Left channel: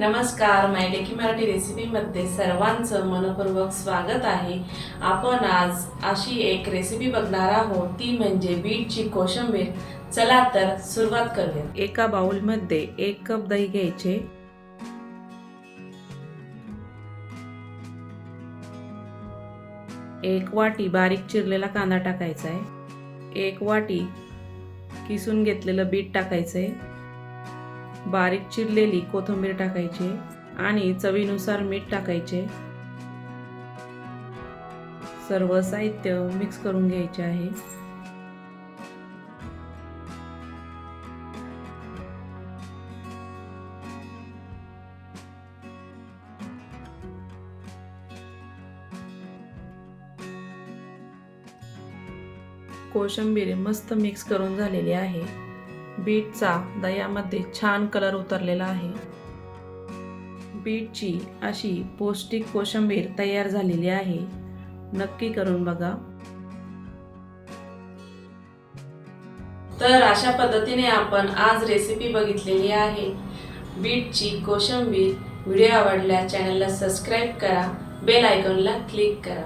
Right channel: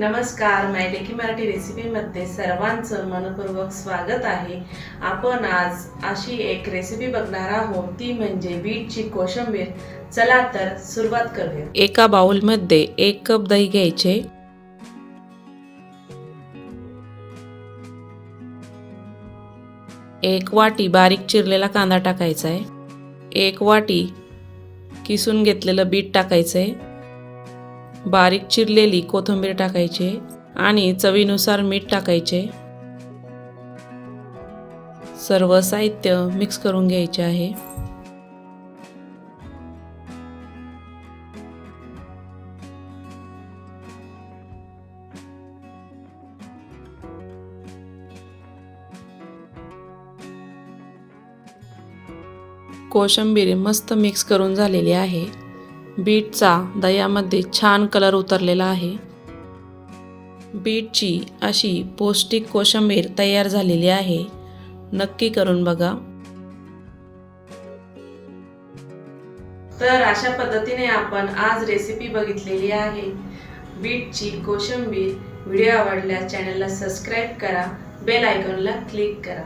नमस्कार मायलेकी मराठी रेसिपीमध्ये सर्वांचं मनपूर्वक स्वागत आहे. आपण आज अशी एक रेसिपी बघणार आहोत ती म्हणजे बीटची कोशिंबीर. चला तर सुरुवात करूया. एका बाउलमध्ये एक कप दही घ्यायचे. एक वाटी बारीक चिरलेला कांदा टाकायचा आहे. एक वाटी किसून घेतलेलं बीट टाकायचं आहे. बारीक चिरलेली कोथिंबीर टाकायची आणि चवीनुसार मीठ टाकायचे. सर्व साहित्य मिक्स करून घ्यायचे आहे. कोशिंबीर मस्त मिक्स करून झालेली आहे. बीटचा दह्यामध्ये छान कलर उतरलेला आहे. बीटची अशी पौष्टिक कोशिंबीर तयार झालेली आहे. नक्की करून बघा. तर अशा पद्धतीने आपण आज रेसिपी बघितलेली आहे. बीटची कोशिंबीर. व्हिडिओ आवडल्यास चॅनलला सबस्क्राईब करा. बेल आयकॉनला क्लिक करा.